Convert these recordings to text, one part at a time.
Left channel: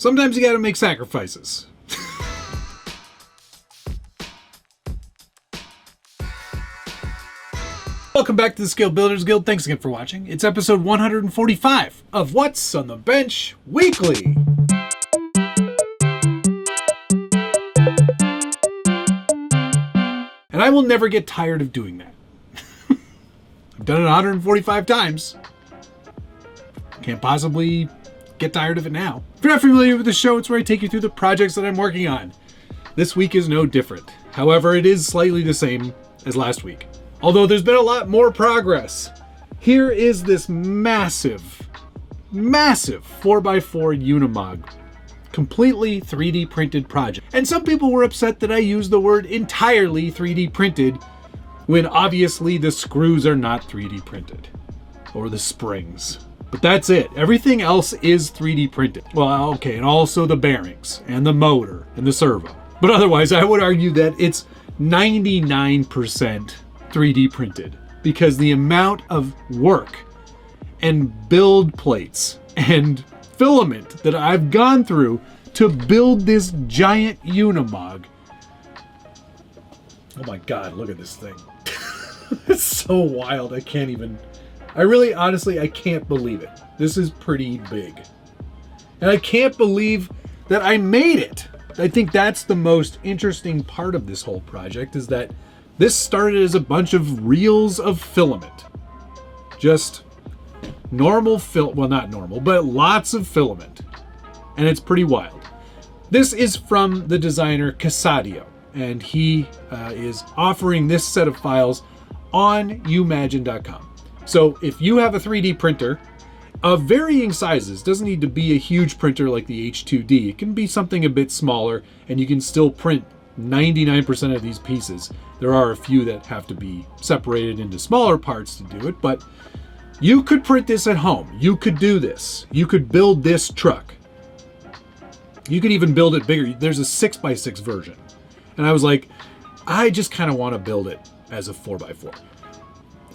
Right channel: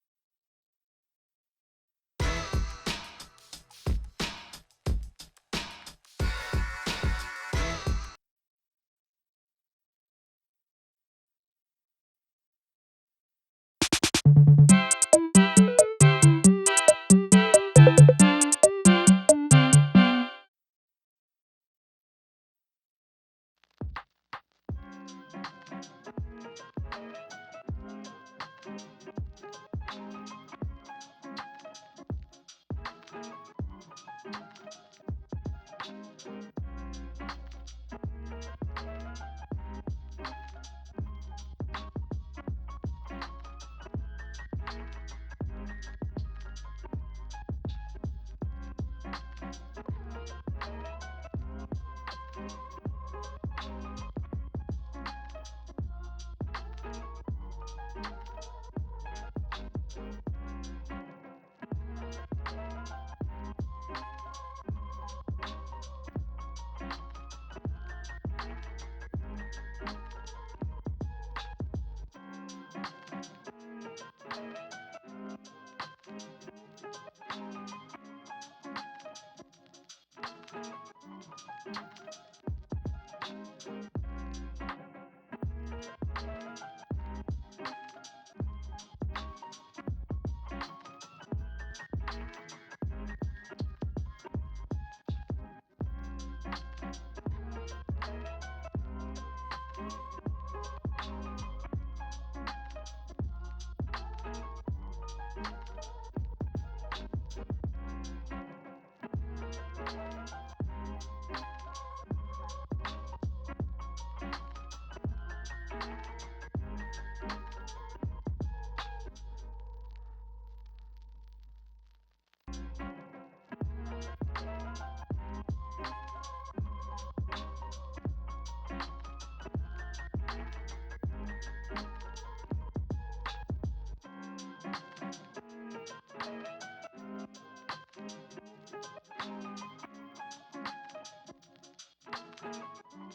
Sometimes you gotta make sacrifices. Welcome back to the Scale Builders Guild. Thanks again for watching. It's episode 145 of What's on the Bench Weekly. And I will never get tired of doing that. I've done it 145 times. Can't possibly get tired of it now. If you're not familiar with the show, it's where I take you through the projects that I'm working on. This week is no different. However, it is slightly the same as last week. Although there's been a lot more progress. Here is this massive 4x4 Unimog. Completely 3D printed project. And some people were upset that I used the word entirely 3D printed when obviously the screws are not 3D printed. Or the springs. But that's it. Everything else is 3D printed. Well, okay, and also the bearings and the motor and the servo. But otherwise, I would argue that it's 99% 3D printed, because the amount of work and build plates and filament that I've gone through to build this giant Unimog. Oh my God, look at this thing. It's so wild. I can't believe it. This is pretty big. And I can't believe that I made it. I think that's the most interesting part of this whole project, is that this started as a bunch of reels of filament. Just normal well, not normal, but lots of filament. And it's pretty wild. This is from the designer Casadio, and he is offering this set of files on umagine.com. So if you have a 3D printer of varying sizes, doesn't need to be a huge printer like the H2D. It can be something a bit smaller, and you can still print 99% of these pieces. There are a few that have to be separated into smaller parts to do it, but you could print this at home. You could do this. You could build this truck. You could even build it bigger. There's a 6x6 version. And I was like, I just kind of want to build it as a 4x4.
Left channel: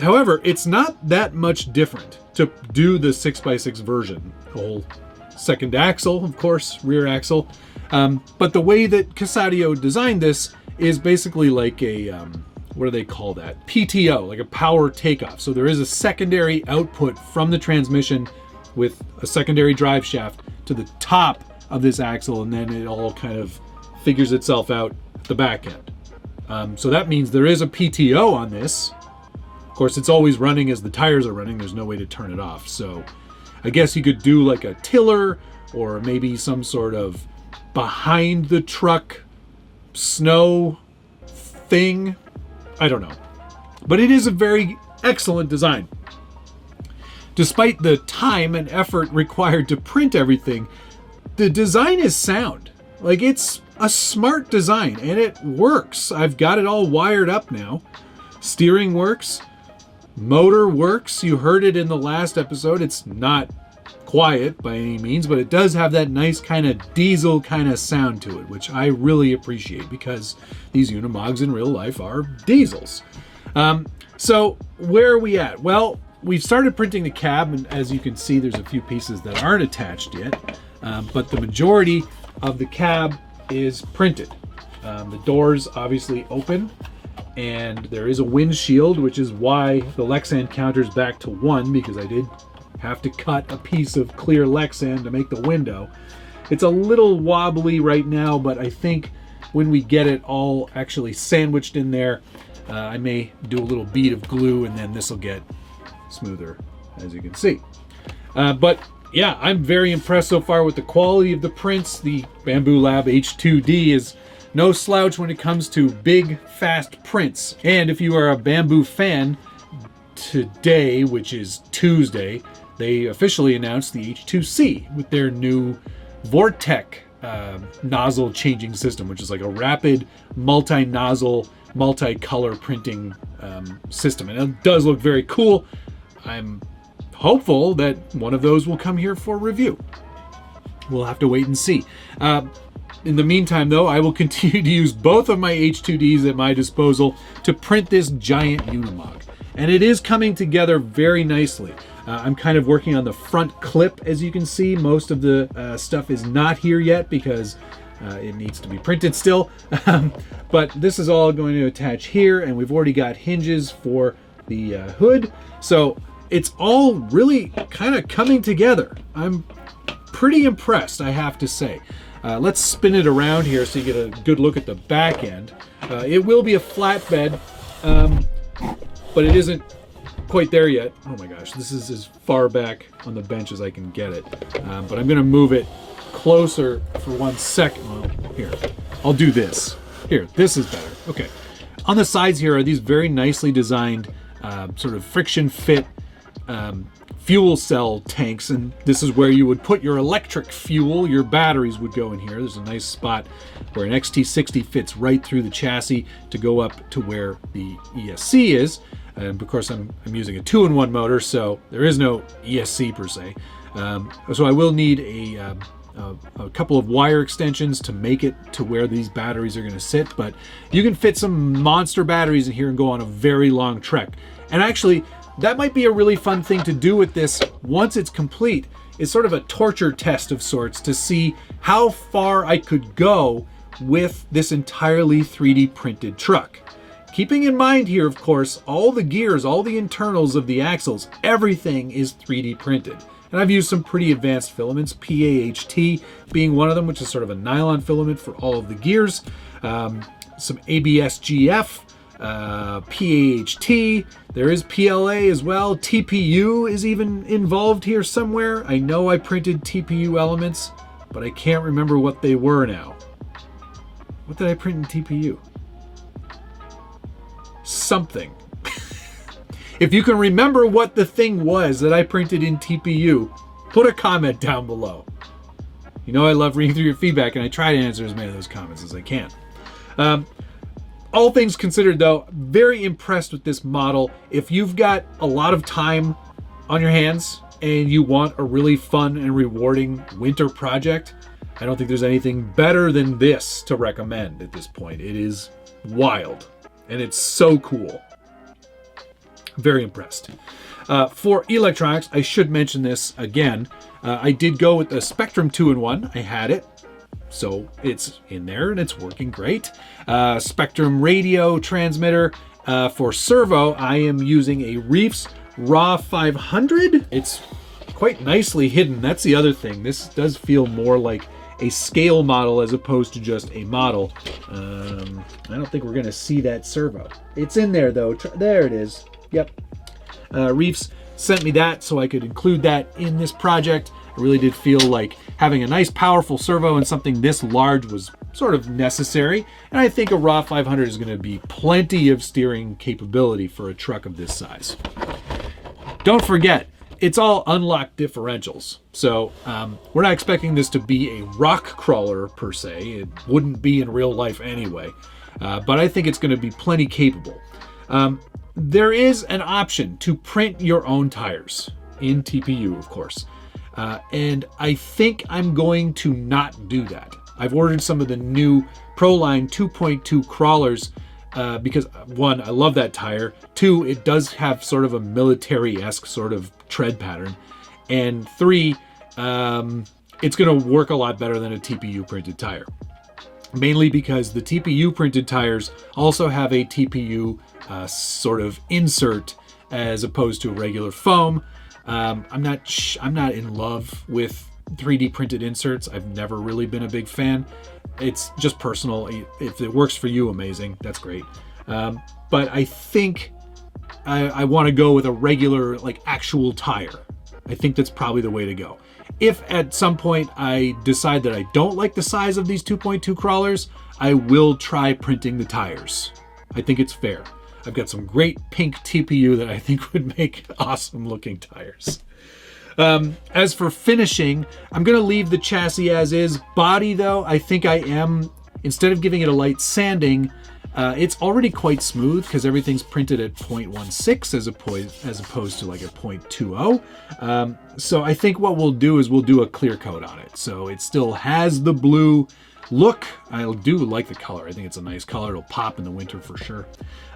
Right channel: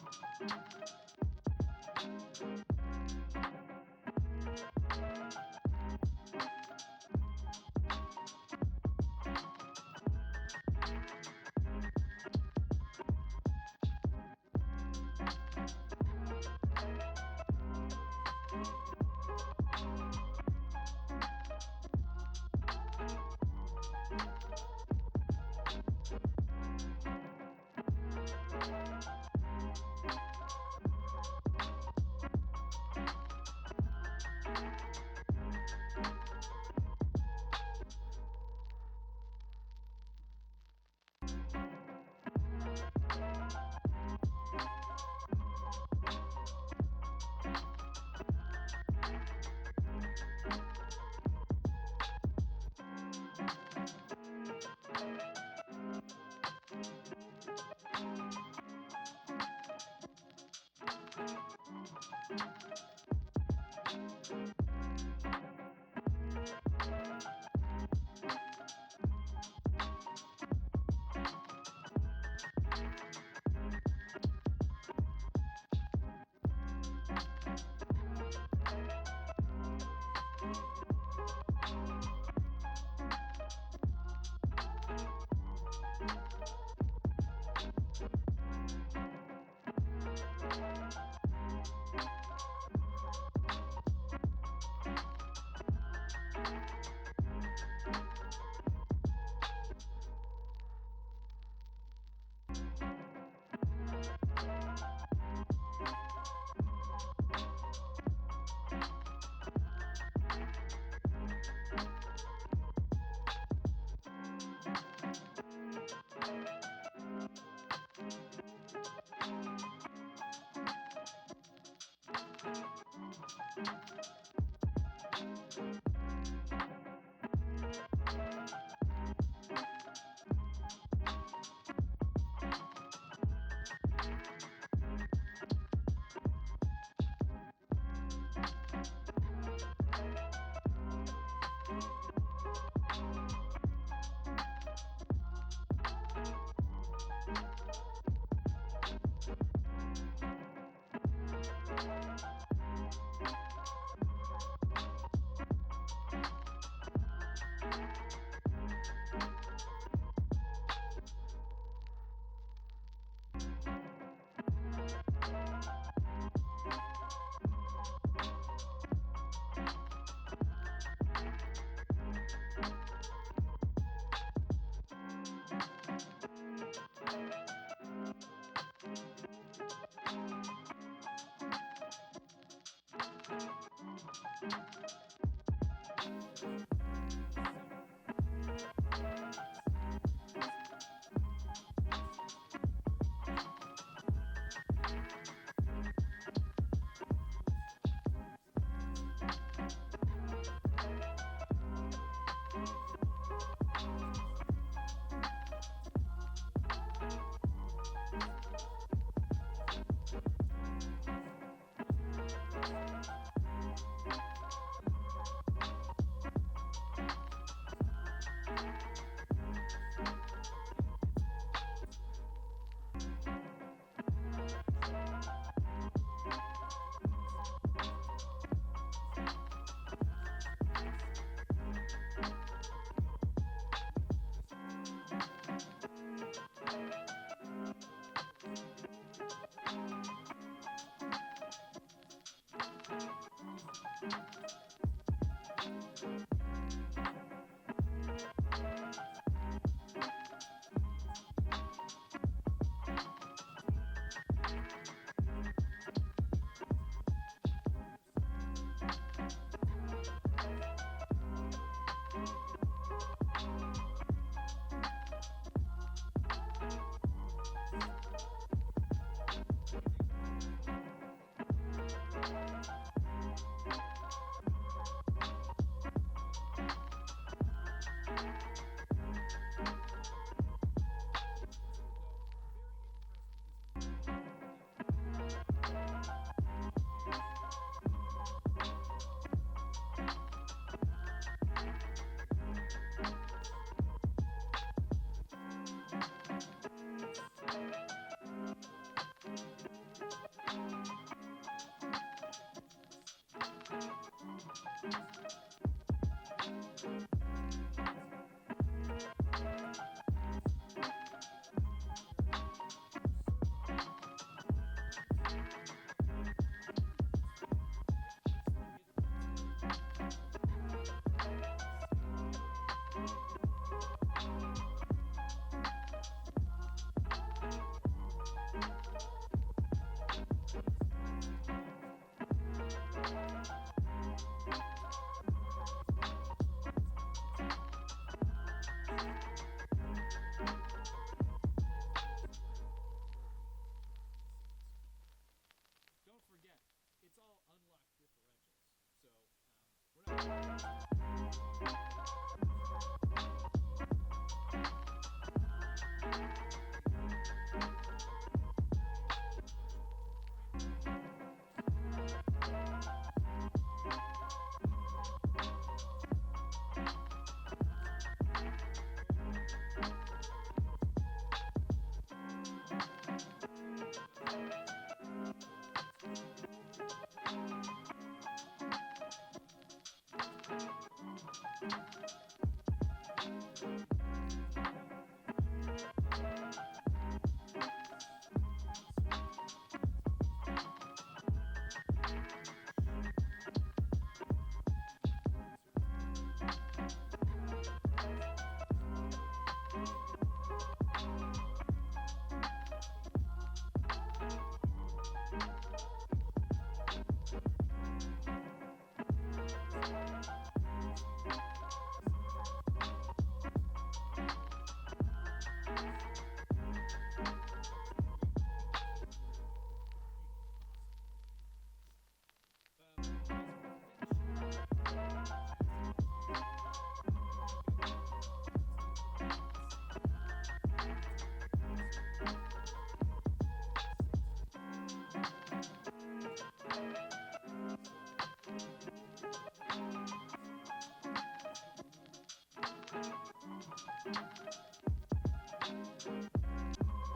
However, it's not that much different to do the 6x6 version. The whole second axle, of course, rear axle. But the way that Casadio designed this is basically like a, what do they call that? PTO, like a power takeoff. So there is a secondary output from the transmission with a secondary drive shaft to the top of this axle, and then it all kind of figures itself out at the back end. So that means there is a PTO on this. Of course, it's always running as the tires are running. There's no way to turn it off. So I guess you could do like a tiller, or maybe some sort of behind the truck snow thing. I don't know. But it is a very excellent design. Despite the time and effort required to print everything, the design is sound. Like, it's a smart design, and it works. I've got it all wired up now. Steering works. Motor works. You heard it in the last episode. It's not quiet by any means, but it does have that nice kind of diesel kind of sound to it, which I really appreciate, because these Unimogs in real life are diesels. So where are we at? Well, we've started printing the cab, and as you can see, there's a few pieces that aren't attached yet, but the majority of the cab is printed. The doors obviously open, and there is a windshield, which is why the Lexan counter's back to 1, because I did have to cut a piece of clear Lexan to make the window. It's a little wobbly right now, but I think when we get it all actually sandwiched in there, I may do a little bead of glue, and then this will get smoother, as you can see. But yeah, I'm very impressed so far with the quality of the prints. The Bamboo Lab H2D is no slouch when it comes to big, fast prints. And if you are a Bamboo fan, today, which is Tuesday, they officially announced the H2C with their new Vortec nozzle changing system, which is like a rapid multi-nozzle, multi-color printing system. And it does look very cool. I'm hopeful that one of those will come here for review. We'll have to wait and see. In the meantime, though, I will continue to use both of my H2Ds at my disposal to print this giant Unimog. And it is coming together very nicely. I'm kind of working on the front clip, as you can see. Most of the stuff is not here yet because it needs to be printed still. But this is all going to attach here, and we've already got hinges for the hood. So it's all really kind of coming together. I'm pretty impressed, I have to say. Let's spin it around here so you get a good look at the back end. It will be a flatbed, but it isn't quite there yet. Oh my gosh, this is as far back on the bench as I can get it. But I'm gonna move it closer for 1 second. Well, here, I'll do this. Here, this is better. Okay. On the sides here are these very nicely designed sort of friction fit fuel cell tanks, and this is where you would put your electric fuel. Your batteries would go in here. There's a nice spot where an XT60 fits right through the chassis to go up to where the ESC is. And of course I'm using a 2-in-1 motor, so there is no ESC per se. So I will need a couple of wire extensions to make it to where these batteries are going to sit, but you can fit some monster batteries in here and go on a very long trek. And actually, that might be a really fun thing to do with this once it's complete. It's sort of a torture test of sorts to see how far I could go with this entirely 3D printed truck. Keeping in mind here, of course, all the gears, all the internals of the axles, everything is 3D printed. And I've used some pretty advanced filaments, PAHT being one of them, which is sort of a nylon filament for all of the gears. Some ABS-GF, PAHT, there is PLA as well. TPU is even involved here somewhere. I know I printed TPU elements, but I can't remember what they were now. What did I print in TPU? Something. If you can remember what the thing was that I printed in TPU, put a comment down below. You know I love reading through your feedback, and I try to answer as many of those comments as I can. All things considered, though, very impressed with this model. If you've got a lot of time on your hands and you want a really fun and rewarding winter project, I don't think there's anything better than this to recommend at this point. It is wild, and it's so cool. Very impressed. For electronics, I should mention this again. I did go with the Spectrum 2-in-1. I had it, so it's in there and it's working great. Spectrum radio transmitter. For servo, I am using a Reefs RAW 500. It's quite nicely hidden. That's the other thing. This does feel more like a scale model as opposed to just a model. I don't think we're gonna see that servo. It's in there though. There it is. Yep. Reefs sent me that so I could include that in this project. I really did feel like having a nice powerful servo and something this large was sort of necessary. And I think a RAW 500 is gonna be plenty of steering capability for a truck of this size. Don't forget, it's all unlocked differentials. So we're not expecting this to be a rock crawler per se. It wouldn't be in real life anyway. But I think it's gonna be plenty capable. There is an option to print your own tires in TPU, of course. And I think I'm going to not do that. I've ordered some of the new Proline 2.2 crawlers because, one, I love that tire. Two, it does have sort of a military-esque sort of tread pattern. And three, it's going to work a lot better than a TPU printed tire. Mainly because the TPU printed tires also have a TPU sort of insert as opposed to a regular foam. I'm not in love with 3D printed inserts. I've never really been a big fan. It's just personal. If it works for you, amazing. That's great. But I think I want to go with a regular, like, actual tire. I think that's probably the way to go. If at some point I decide that I don't like the size of these 2.2 crawlers, I will try printing the tires. I think it's fair. I've got some great pink TPU that I think would make awesome looking tires. As for finishing, I'm going to leave the chassis as is. Body, though, I think I am, instead of giving it a light sanding, it's already quite smooth because everything's printed at 0.16 as opposed to like a 0.20. So I think what we'll do is we'll do a clear coat on it. So it still has the blue look. I do like the color. I think it's a nice color. It'll pop in the winter for sure.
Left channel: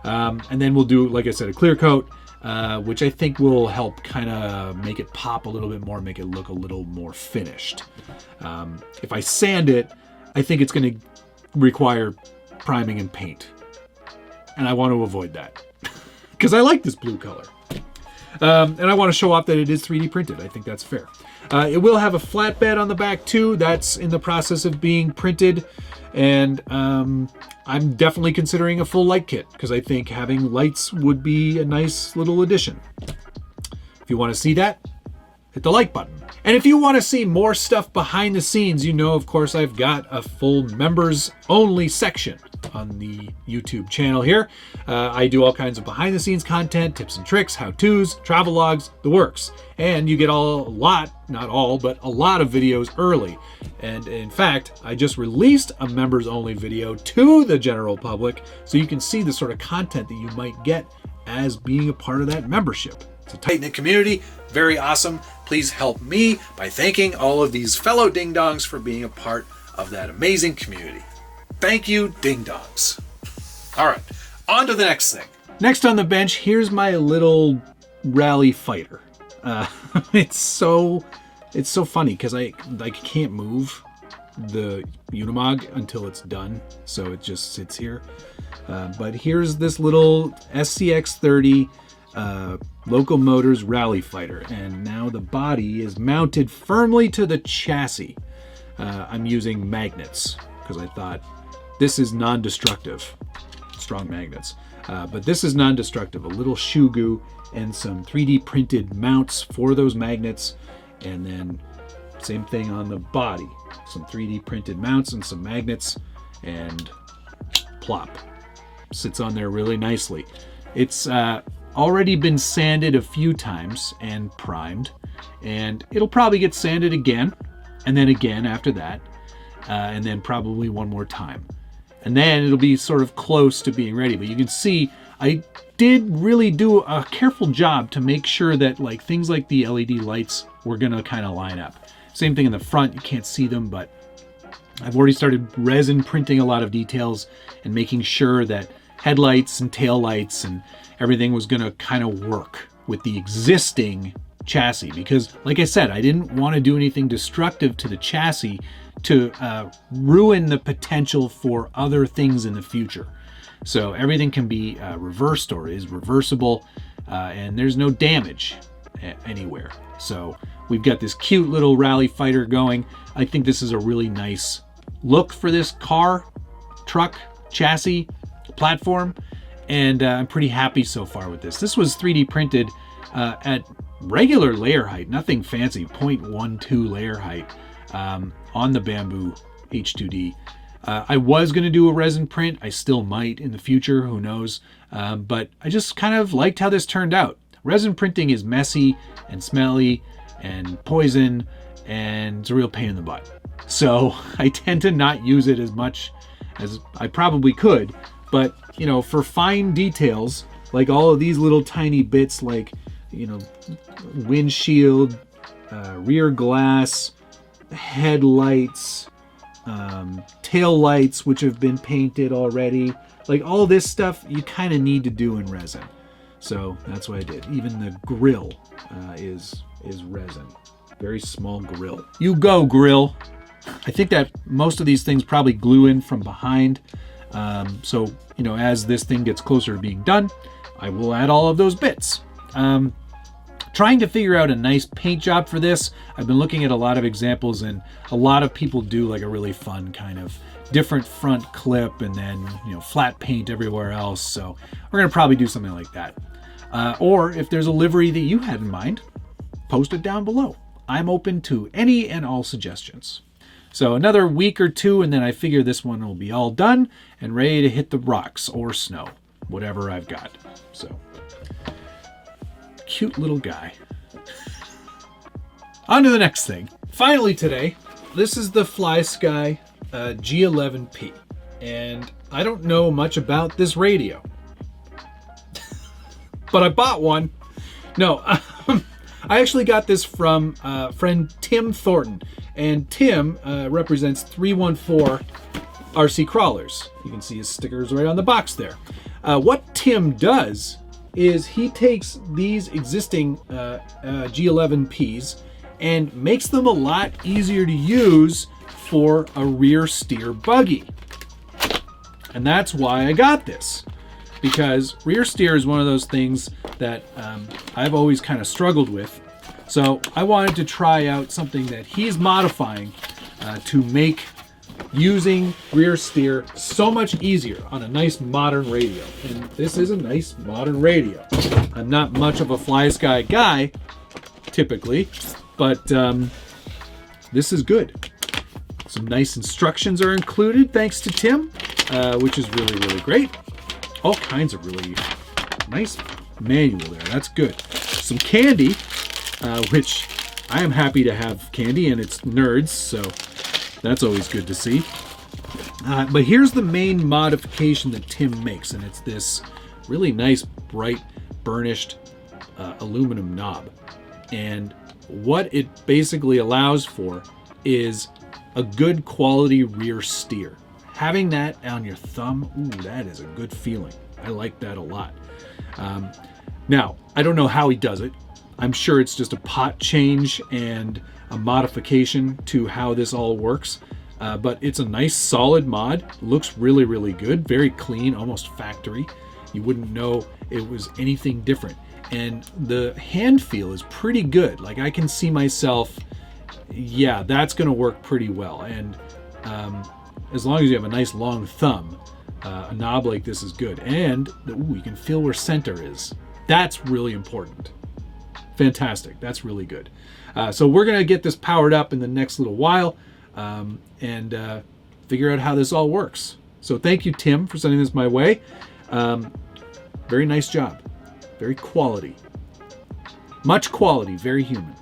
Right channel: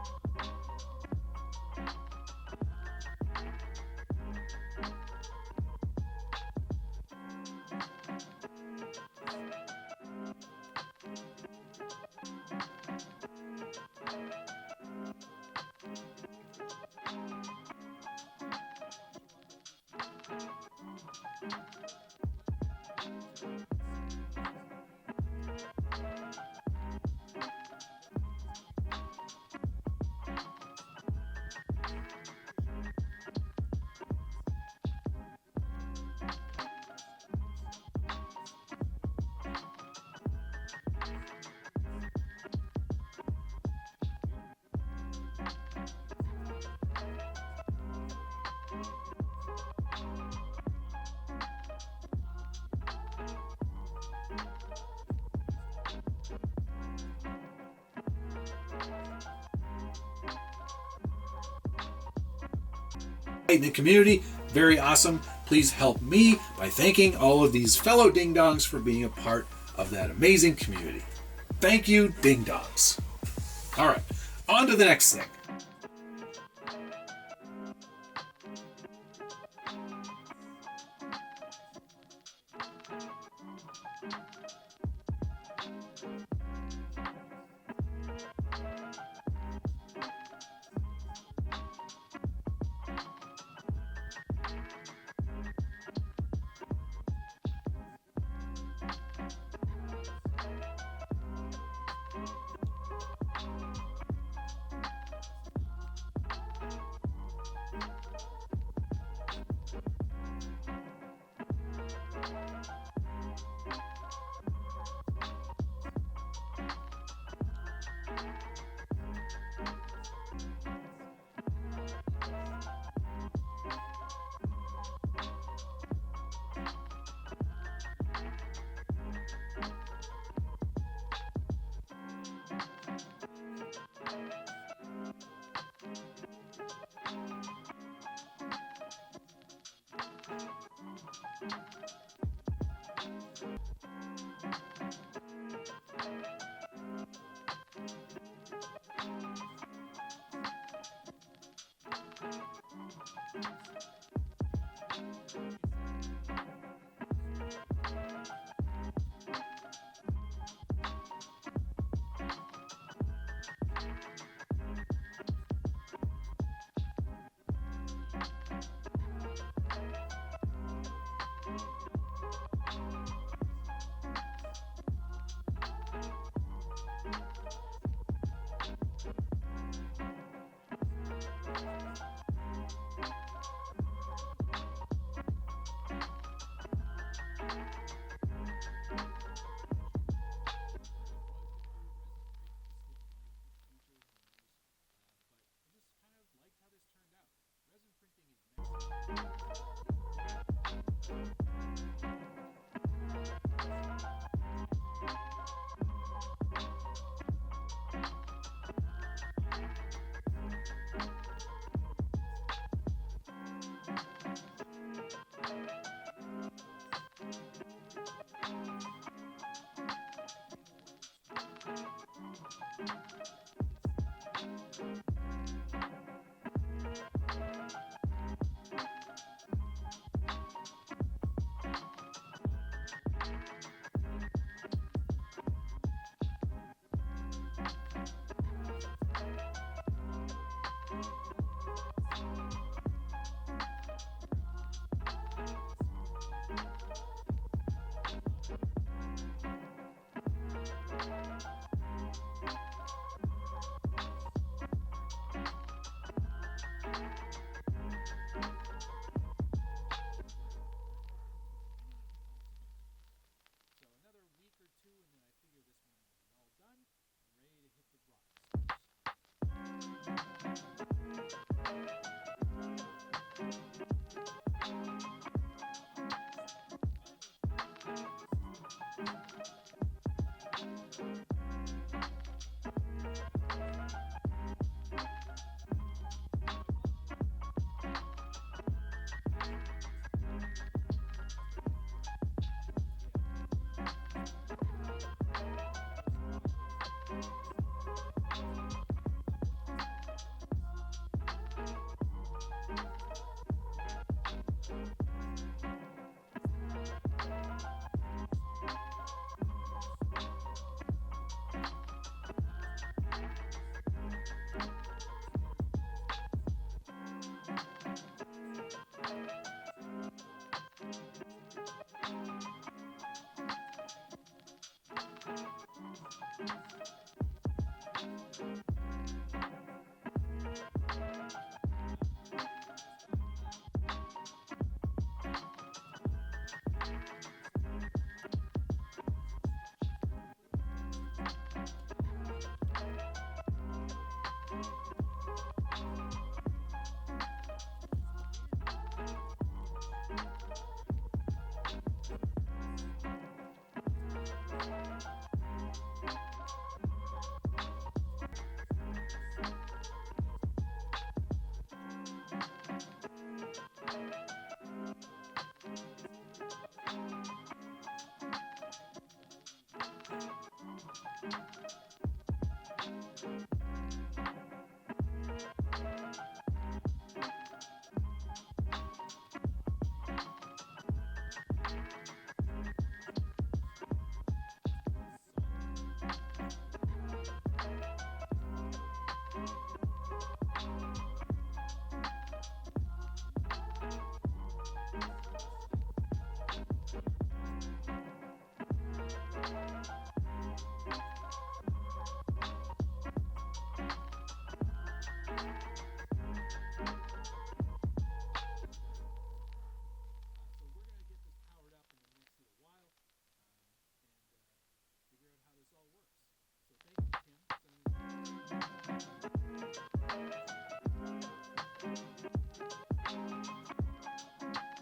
And then we'll do, like I said, a clear coat. which I think will help kind of make it pop a little bit more, make it look a little more finished. If I sand it, I think it's going to require priming and paint. And I want to avoid that because I like this blue color. And I want to show off that it is 3D printed. I think that's fair. It will have a flatbed on the back too. That's in the process of being printed. And I'm definitely considering a full light kit because I think having lights would be a nice little addition. If you want to see that, hit the like button. And if you want to see more stuff behind the scenes, you know, of course, I've got a full members only section on the YouTube channel here. I do all kinds of behind the scenes content, tips and tricks, how-tos, travel logs, the works. And you get a lot, not all, but a lot of videos early. And in fact, I just released a members only video to the general public so you can see the sort of content that you might get as being a part of that membership. It's a tight-knit community, very awesome. Please help me by thanking all of these fellow ding-dongs for being a part of that amazing community. Thank you, ding-dongs. All right, on to the next thing. Next on the bench, here's my little rally fighter. It's so funny because I can't move the Unimog until it's done, so it just sits here. But here's this little SCX30 Locomotors rally fighter, and now the body is mounted firmly to the chassis. I'm using magnets because I thought this is non-destructive, strong magnets, but this is non-destructive. A little shoe goo and some 3D printed mounts for those magnets, and then same thing on the body, some 3D printed mounts and some magnets, and plop, sits on there really nicely. It's already been sanded a few times and primed, and it'll probably get sanded again and then again after that, and then probably one more time, and then it'll be sort of close to being ready. But you can see I did really do a careful job to make sure that like things like the LED lights were gonna kind of line up. Same thing in the front, you can't see them, but I've already started resin printing a lot of details and making sure that headlights and tail lights and everything was going to kind of work with the existing chassis, because like I said, I didn't want to do anything destructive to the chassis to ruin the potential for other things in the future. So everything can be reversed or is reversible, and there's no damage anywhere. So we've got this cute little rally fighter going. I think this is a really nice look for this car, truck, chassis, platform, and I'm pretty happy so far with this. This was 3D printed at regular layer height, nothing fancy, 0.12 layer height on the Bamboo H2D. I was going to do a resin print. I still might in the future, who knows, but I just kind of liked how this turned out. Resin printing is messy and smelly and poison, and it's a real pain in the butt. So I tend to not use it as much as I probably could, but you know, for fine details, like all of these little tiny bits, like, you know, windshield, rear glass, headlights, tail lights, which have been painted already, like all this stuff you kind of need to do in resin. So that's what I did. Even the grill is resin. Very small grill. You go, grill. I think that most of these things probably glue in from behind. So, you know, as this thing gets closer to being done, I will add all of those bits. Trying to figure out a nice paint job for this. I've been looking at a lot of examples, and a lot of people do like a really fun kind of different front clip and then, you know, flat paint everywhere else. So we're gonna probably do something like that. Or if there's a livery that you had in mind, post it down below. I'm open to any and all suggestions. So another week or two, and then I figure this one will be all done and ready to hit the rocks or snow, whatever I've got. So, cute little guy. On to the next thing. Finally today, this is the FlySky G11P, and I don't know much about this radio, but I bought one. No, I actually got this from friend Tim Thornton, and Tim represents 314 RC Crawlers. You can see his stickers right on the box there. What Tim does is he takes these existing G11Ps and makes them a lot easier to use for a rear steer buggy. And that's why I got this, because rear steer is one of those things that I've always kind of struggled with. So I wanted to try out something that he's modifying to make using rear steer so much easier on a nice modern radio. And this is a nice modern radio. I'm not much of a Fly Sky guy typically, but this is good. Some nice instructions are included thanks to Tim, which is really, really great. All kinds of really nice manual there. That's good. Some candy, which I am happy to have candy, and it's nerds, so that's always good to see. But here's the main modification that Tim makes, and it's this really nice, bright, burnished aluminum knob. And what it basically allows for is a good quality rear steer. Having that on your thumb, ooh, that is a good feeling. I like that a lot. Now, I don't know how he does it. I'm sure it's just a pot change and a modification to how this all works. But it's a nice solid mod. Looks really, really good. Very clean, almost factory. You wouldn't know it was anything different. And the hand feel is pretty good. Like, I can see myself, yeah, that's gonna work pretty well. And as long as you have a nice long thumb, a knob like this is good. And ooh, you can feel where center is. That's really important. Fantastic. That's really good. So we're gonna get this powered up in the next little while and figure out how this all works. So thank you, Tim, for sending this my way. Very nice job. Very quality. Much quality, very human.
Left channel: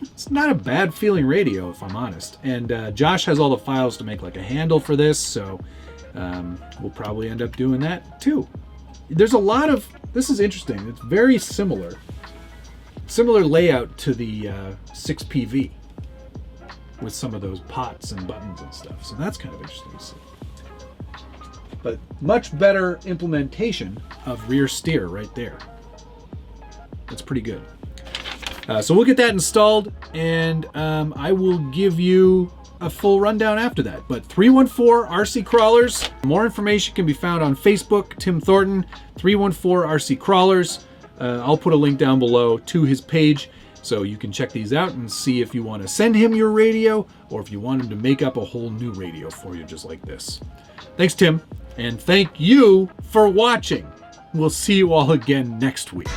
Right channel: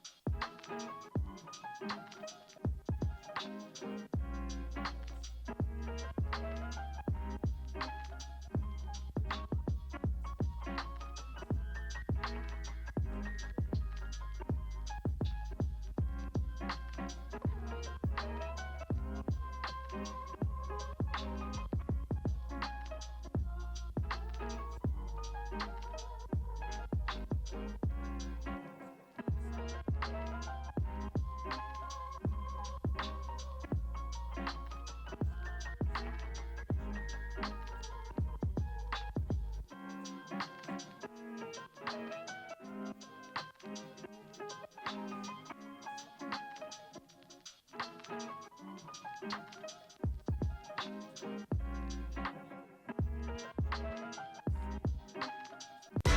It's not a bad feeling radio, if I'm honest. And Josh has all the files to make like a handle for this, so we'll probably end up doing that too. There's a lot of, this is interesting. It's very similar layout to the 6PV with some of those pots and buttons and stuff. So that's kind of interesting to see. But much better implementation of rear steer right there. That's pretty good. So we'll get that installed, and I will give you a full rundown after that. But 314 RC Crawlers, more information can be found on Facebook, Tim Thornton, 314 RC Crawlers. I'll put a link down below to his page, so you can check these out and see if you want to send him your radio, or if you want him to make up a whole new radio for you just like this. Thanks, Tim, and thank you for watching. We'll see you all again next week.